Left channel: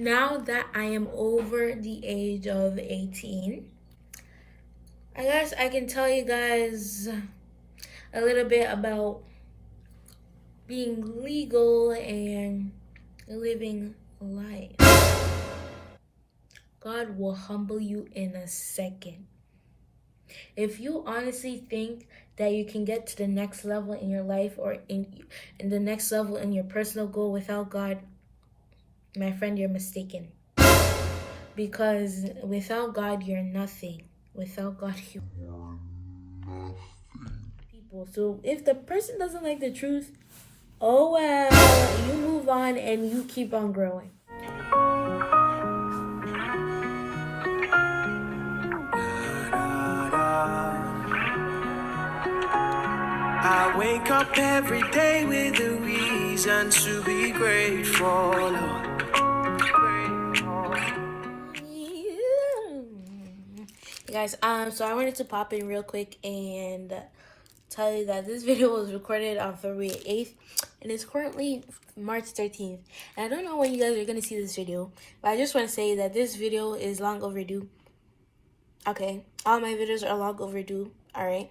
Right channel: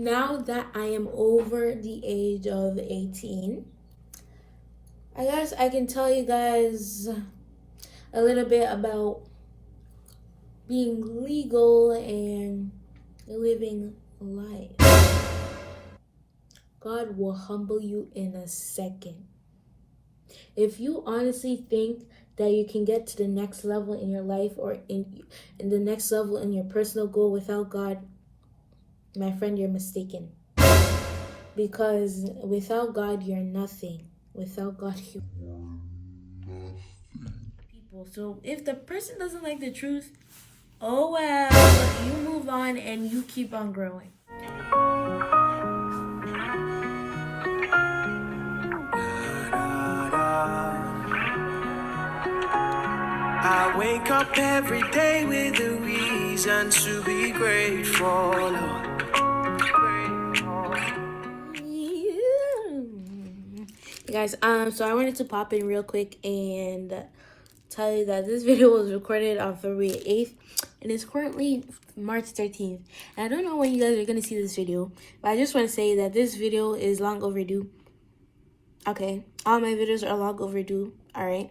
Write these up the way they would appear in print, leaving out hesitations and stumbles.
Now that I am over the age of 18, I guess I can tell you guys a little bit about being legal and living life. God will humble you in a second. If you honestly think that you can get to the next level in your life or in the next level in your personal goal without God, my friend, you're mistaken. Because without God, you're nothing. Without God, you are people. So if the person doesn't like the truth, oh well, you move on and you keep on growing. I wake up every day with a reason to be grateful, Lord. Guys, so I wanted to pop in real quick and tell you that this video was recorded on February 8th and it's currently March 13th. And I don't know when you guys are going to see this video, but I just want to say that this video is long overdue. Okay, all my videos are long overdue, alright?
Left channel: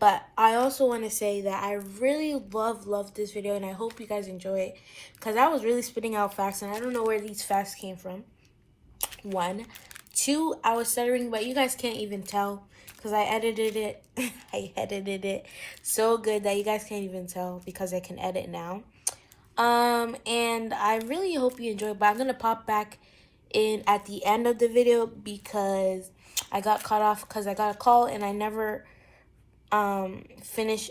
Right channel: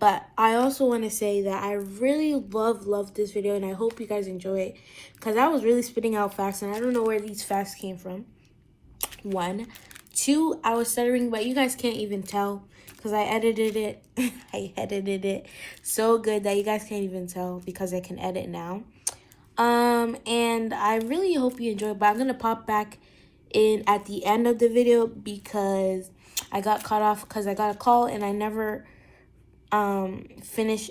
But I also want to say that I really love this video and I hope you guys enjoy it. Because I was really spitting out facts and I don't know where these facts came from. 1. 2, I was stuttering, but you guys can't even tell because I edited it. I edited it so good that you guys can't even tell because I can edit now. And I really hope you enjoy it, but I'm going to pop back in at the end of the video because I got cut off because I got a call and I never finished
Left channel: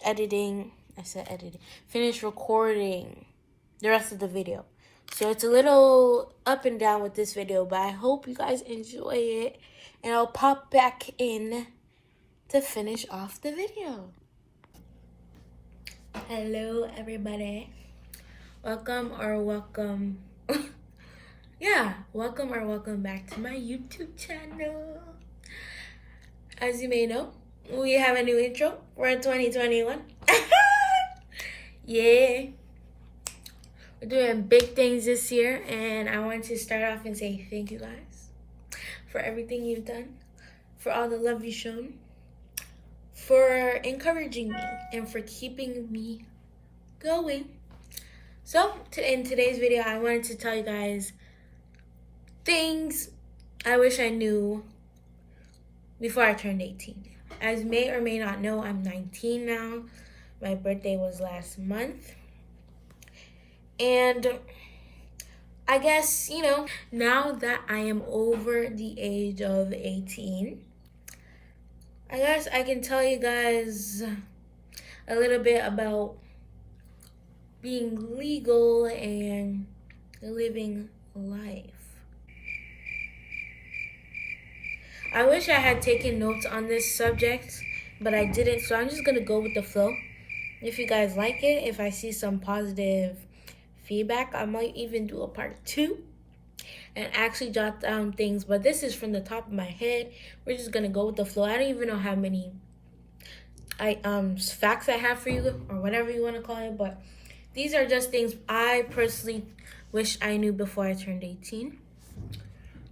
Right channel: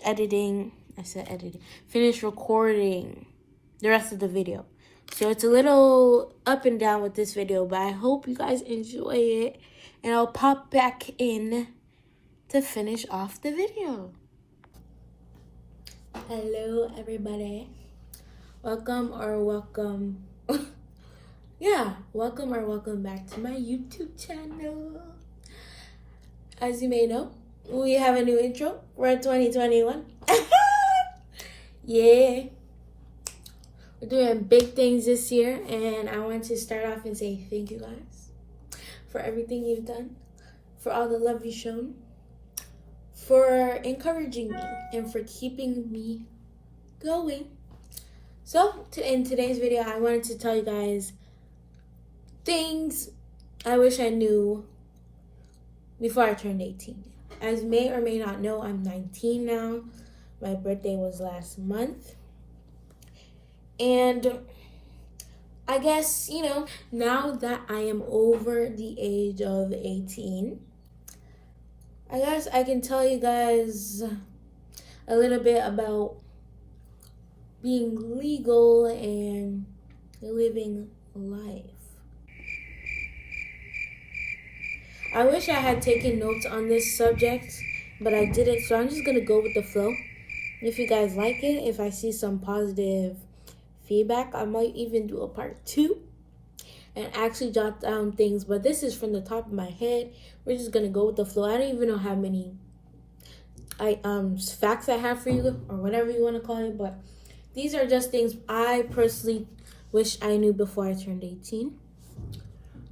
recording the rest of the video. So it's a little up and down with this video, but I hope you guys enjoy it. And I'll pop back in to finish off the video. Hello, everybody. Welcome or welcome back to my YouTube channel. As you may know, we have a new intro for 2021. Yeah. We're doing big things this year, and I want to start off and say thank you guys for everything you've done, for all the love you've shown, for encouraging me, and for keeping me going. So, in today's video, I wanted to tell you guys things I wish I knew before I turned 18. As you may or may not know, I'm 19 now. My birthday was last month. And I guess, now that I am over the age of 18, I guess I can tell you guys a little bit about being legal and living life. I wish I had taken notes on this subject, but I didn't, so I'm just going to go with the flow. If you guys like it, if I see some positive feedback, I might even do a part 2 and actually jot down things, but this is from the top of my head. We're just gonna go with the flow. I don't even know how many facts I have for you or whatever you want to call it, but these are just things I personally wish I knew before I turned 18.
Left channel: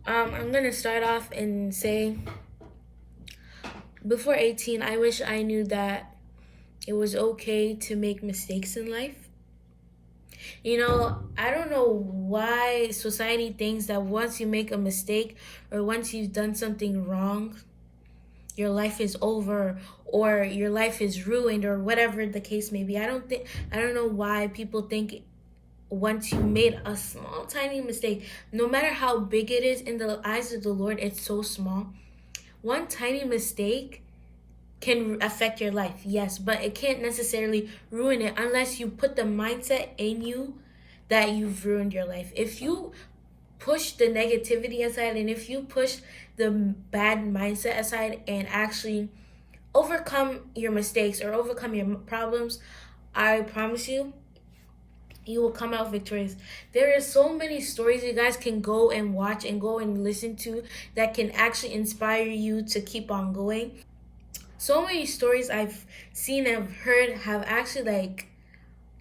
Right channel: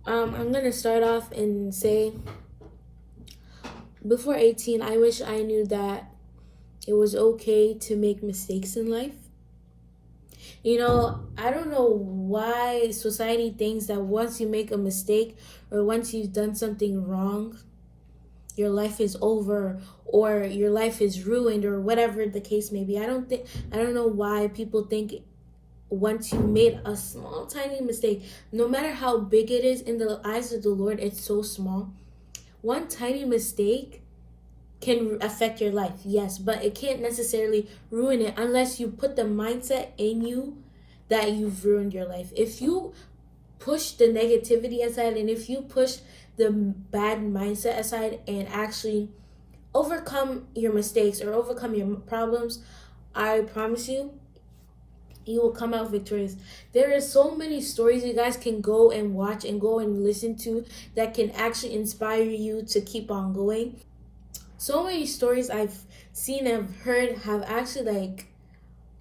I'm gonna start off and say before 18, I wish I knew that it was okay to make mistakes in life. I don't know why society thinks that once you make a mistake or once you've done something wrong, your life is over or your life is ruined or whatever the case may be. I don't know why people think once you made a small, tiny mistake, no matter how big it is in the eyes of the Lord, it's so small. One tiny mistake can affect your life, yes, but it can't necessarily ruin it unless you put the mindset in you that you've ruined your life. If you push the negativity aside and if you push the bad mindset aside and actually overcome your mistakes or overcome your problems, I promise you, you will come out victorious. There is so many stories you guys can go and watch and go and listen to that can actually inspire you to keep on going. So many stories I've seen and heard have actually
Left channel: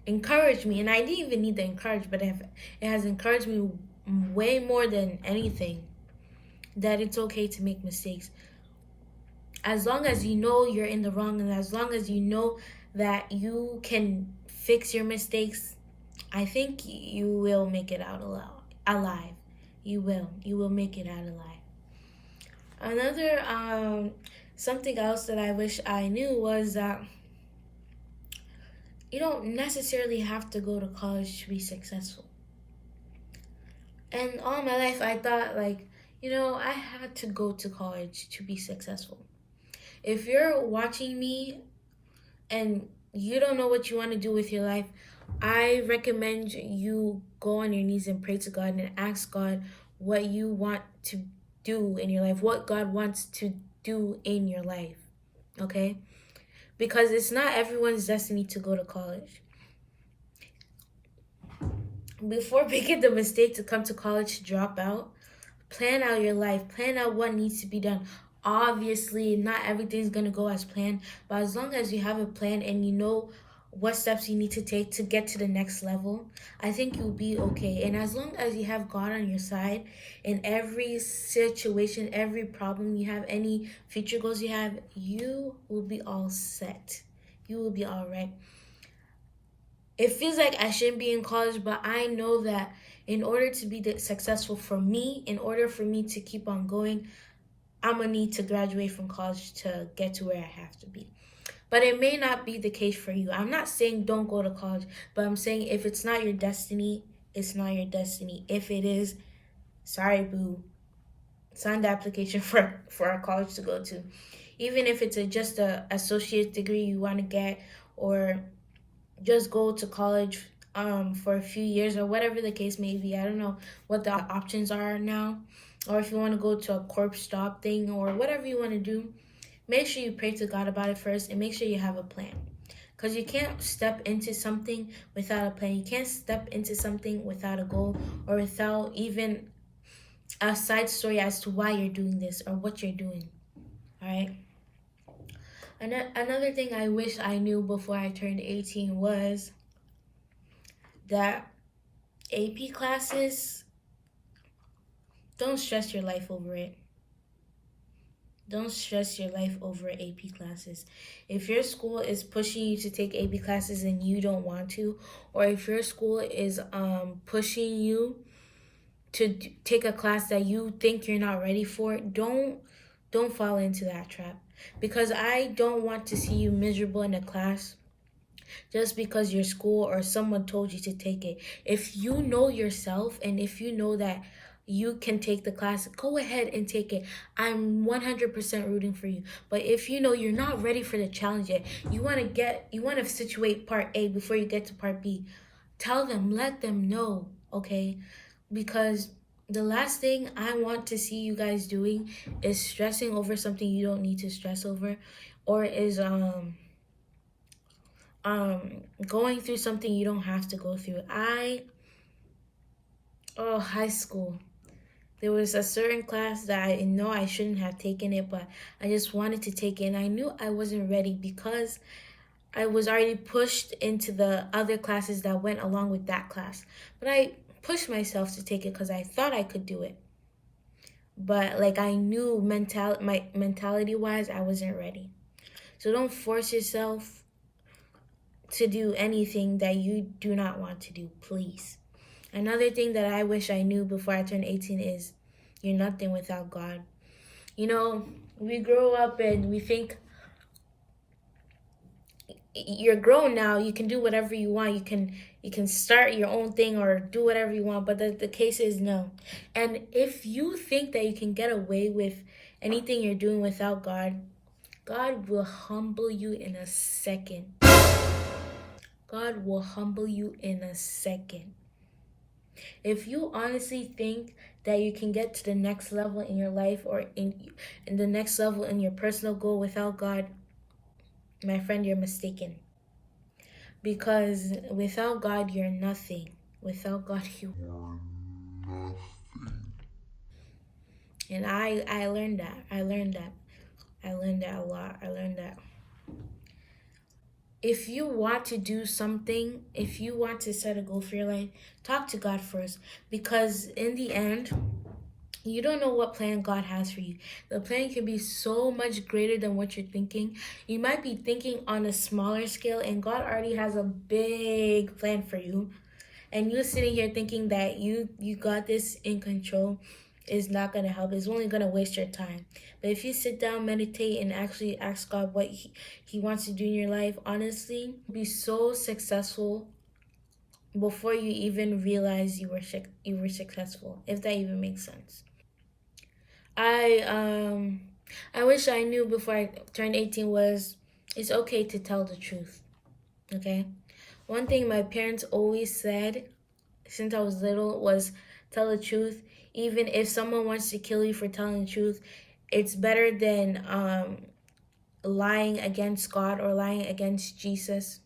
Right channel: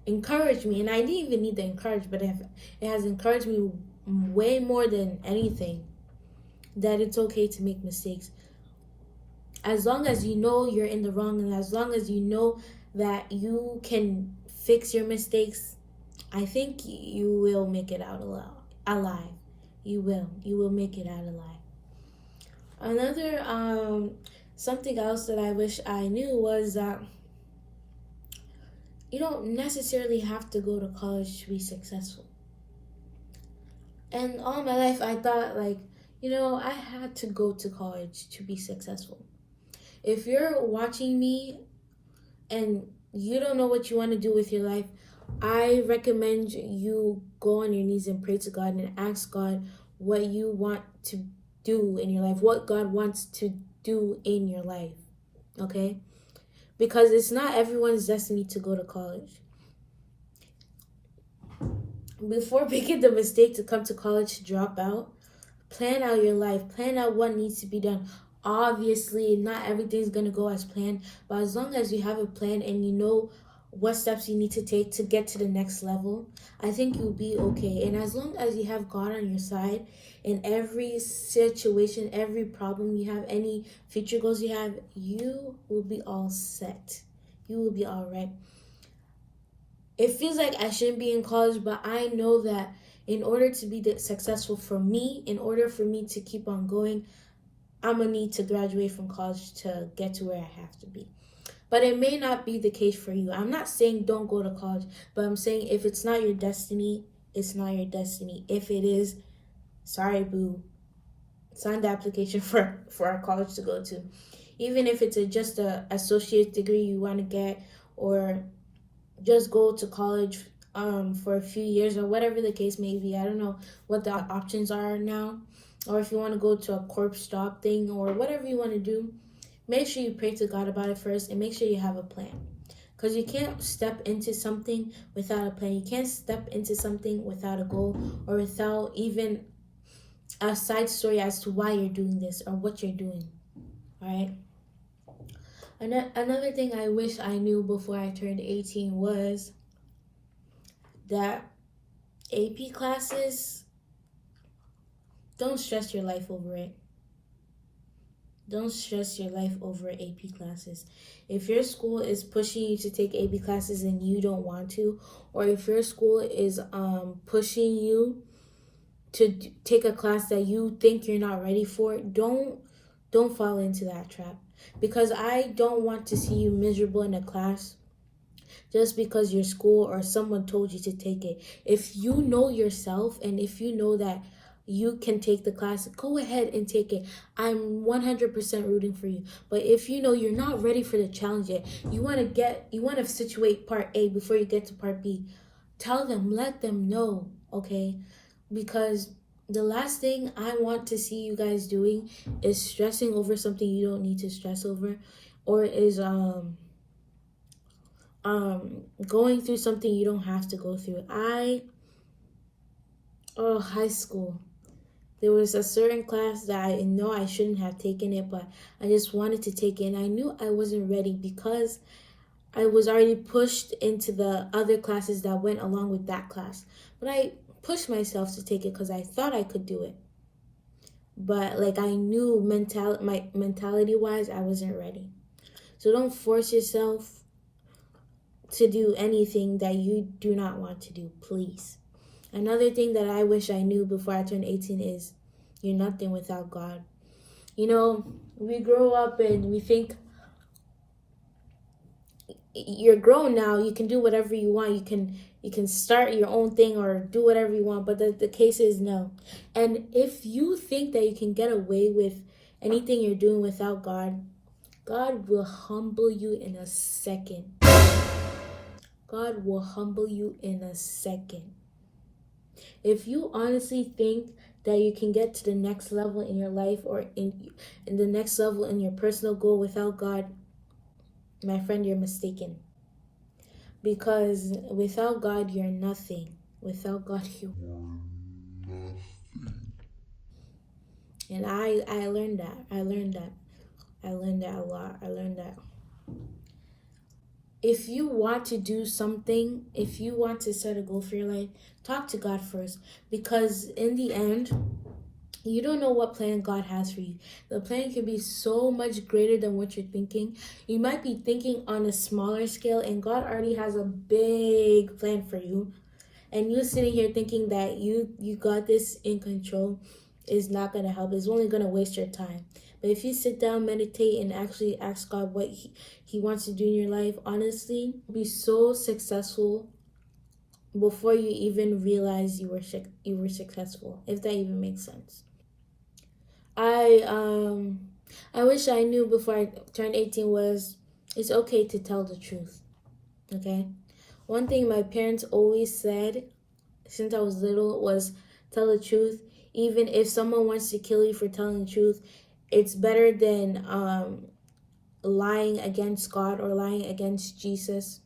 encouraged me, and I didn't even need the encouragement, but it has encouraged me way more than anything, that it's okay to make mistakes. As long as you know you're in the wrong, and as long as you know that you can fix your mistakes, I think you will make it out alive. You will make it out alive. Another something else that I wish I knew was that you don't necessarily have to go to college to be successful. And all my life I thought, like, I had to go to college to be successful. If you're watching me and you don't know what you want to do with your life, I recommend you go on your knees and pray to God and ask God what you want to do in your life, what God wants to do in your life, okay? Because it's not everyone's destiny to go to college. Before making the mistake to come to college to drop out, plan out your life, plan out what needs to be done. Obviously, not everything's going to go as planned, but as long as you have a plan and you know what steps you need to take to get to the next level, I think you'll be okay. And as long as you have God on your side in every situation, every problem you have, any future goals you have, you will be all set. You will be all right. It feels like I shouldn't be in college, but I know that in order to be successful for me, in order for me to keep on going, I'm going to need to graduate from college to get to where I have to be. But it may not be the case for you. I'm not saying don't go to college, but I'm saying if it's not your destiny, it's not your destiny. If it is, sorry, boo. Sign the application for a college to go to. Even if it's just a associate degree you want to get, or just go to college for a few years, or whatever the case may be. I don't know what the options are now, or if you want to go to a corp stop thing or whatever you want to do. Make sure you pray to God about it first, and make sure you have a plan, because you can't step into something without a plan. You can't step into something without a goal, or without even a side story as to why you're doing this or what you're doing. All right. Another thing I wish I knew before I turned 18 was that AP classes, don't stress your life over it. Don't stress your life over AP classes. If your school is pushing you to take AP classes and you don't want to, or if your school is pushing you to take a class that you think you're not ready for, don't fall into that trap. Because I don't want to see you miserable in a class just because your school or someone told you to take it. If you know yourself, and if you know that you can take the class, go ahead and take it. I'm 100% rooting for you. But if you know you're not ready for the challenge yet, you want to situate part A before you get to part B, tell them, let them know, okay? Because the last thing I want to see you guys doing is stressing over something you don't need to stress over, or is going through something you don't have to go through. High school, there was a certain class that I know I shouldn't have taken it, but I just wanted to take it, and I knew I wasn't ready because I was already pushed into the other classes that went along with that class. But I pushed myself to take it because I thought I could do it. But like, I knew my mentality wise, I wasn't ready. So don't force yourself to do anything that you do not want to do, please. Another thing that I wish I knew before I turned 18 is you're nothing without God. We grow up and we think you're grown now, you can do whatever you want. You can start your own thing or do whatever you want, but the case is no. And if you think that you can get away with anything you're doing without God, God will humble you in a second. God will humble you in a second. If you honestly think that you can get to the next level in your life, or in the next level in your personal goal without God, my friend, you're mistaken. Because without God, you're nothing. Without God, you are nothing. And I learned that. I learned that a lot. I learned that. if you want to do something, if you want to set a goal for your life, talk to God first. Because in the end, you don't know what plan God has for you. The plan can be so much greater than what you're thinking. You might be thinking on a smaller scale, and God already has a big plan for you. And you sitting here thinking that you got this in control is not going to help. It's only going to waste your time. But if you sit down, meditate, and actually ask God what he wants to do in your life, honestly, be so successful before you even realize you were successful, if that even makes sense. I wish I knew before I turned 18 was it's okay to tell the truth. Okay? One thing my parents always said since I was little was tell the truth. Even if someone wants to kill you for telling the truth, it's better than lying against God or lying against Jesus.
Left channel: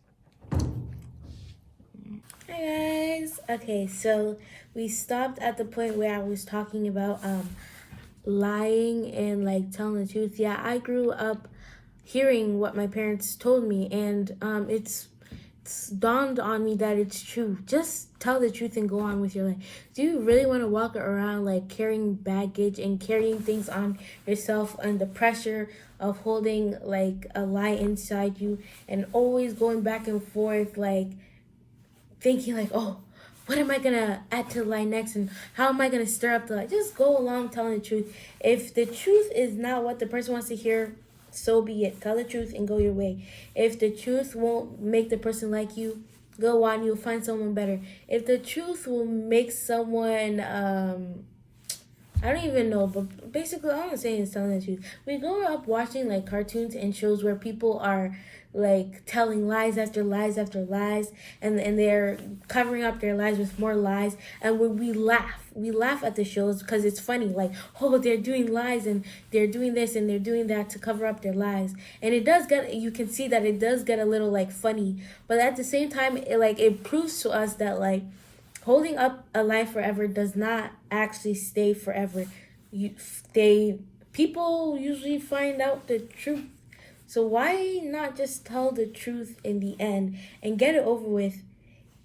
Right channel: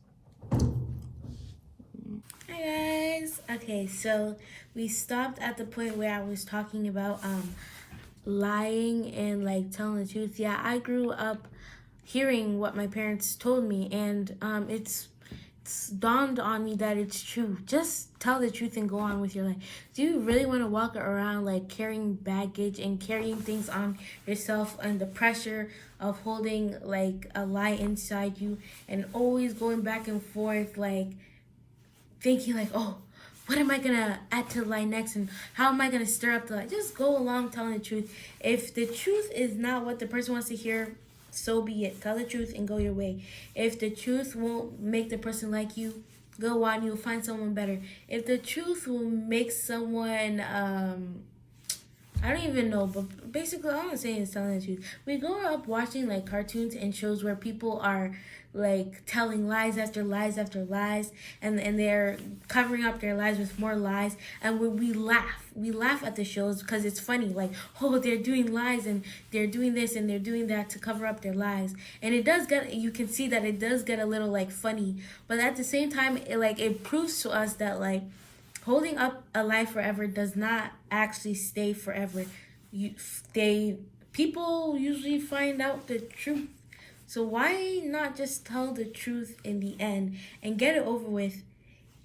Hi guys. Okay, so we stopped at the point where I was talking about lying and like telling the truth. Yeah, I grew up hearing what my parents told me, and it's dawned on me that it's true. Just tell the truth and go on with your life. Do you really want to walk around like carrying baggage and carrying things on yourself and the pressure of holding like a lie inside you and always going back and forth, like thinking like, oh, what am I gonna add to the lie next, and how am I gonna stir up the lie? Just go along telling the truth. If the truth is not what the person wants to hear, so be it. Tell the truth and go your way. If the truth won't make the person like you, go on. You'll find someone better. If the truth will make someone, I don't even know, but basically all I'm saying is telling the truth. We grow up watching like cartoons and shows where people are like telling lies after lies after lies, and they're covering up their lies with more lies, and when we laugh at the shows because it's funny, like, oh, they're doing lies and they're doing this and they're doing that to cover up their lies. And it does get, you can see that it does get a little like funny, but at the same time it proves to us that like holding up a lie forever does not actually stay forever. People usually find out the truth. So why not just tell the truth in the end and get it over with,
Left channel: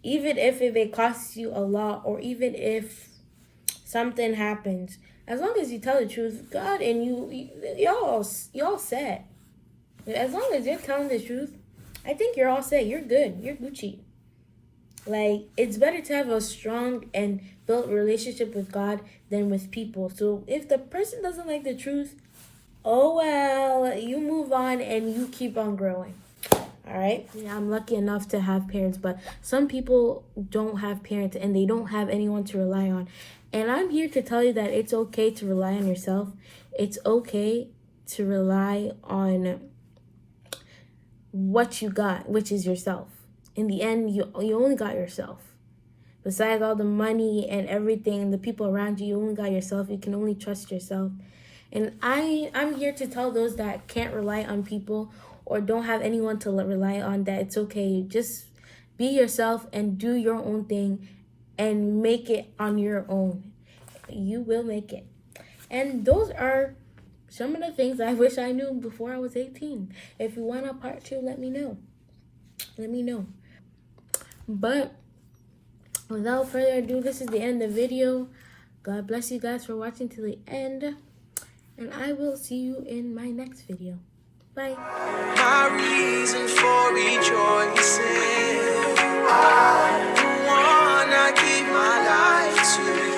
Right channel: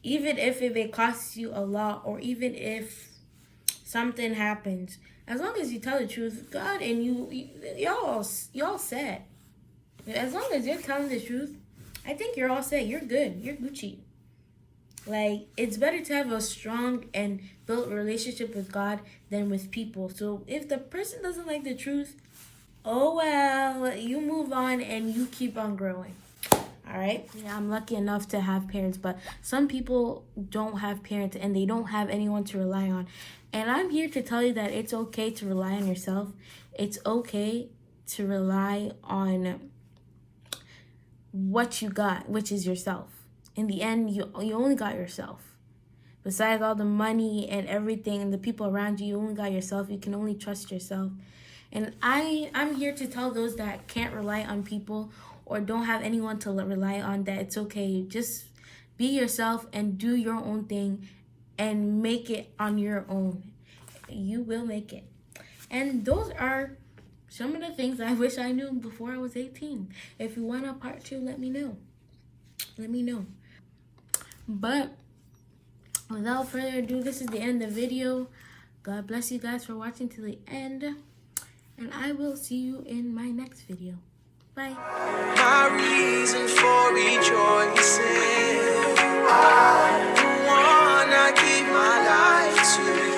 even if it costs you a lot, or even if something happens. As long as you tell the truth, God and y'all set. As long as you're telling the truth, I think you're all set. You're good. You're Gucci. Like, it's better to have a strong and built relationship with God than with people. So if the person doesn't like the truth, oh well, you move on and you keep on growing. All right? Yeah, I'm lucky enough to have parents, but some people don't have parents and they don't have anyone to rely on. And I'm here to tell you that it's okay to rely on yourself. It's okay to rely on what you got, which is yourself. In the end, you only got yourself. Besides all the money and everything, the people around you, you only got yourself. You can only trust yourself. And I'm here to tell those that can't rely on people or don't have anyone to rely on that it's okay. Just be yourself and do your own thing and make it on your own. You will make it. And those are some of the things I wish I knew before I was 18. If you want a part 2, let me know. Let me know. But without further ado, this is the end of the video. God bless you guys for watching to the end. And I will see you in my next video. Bye. My reason for rejoicing, I wanna give my life to you.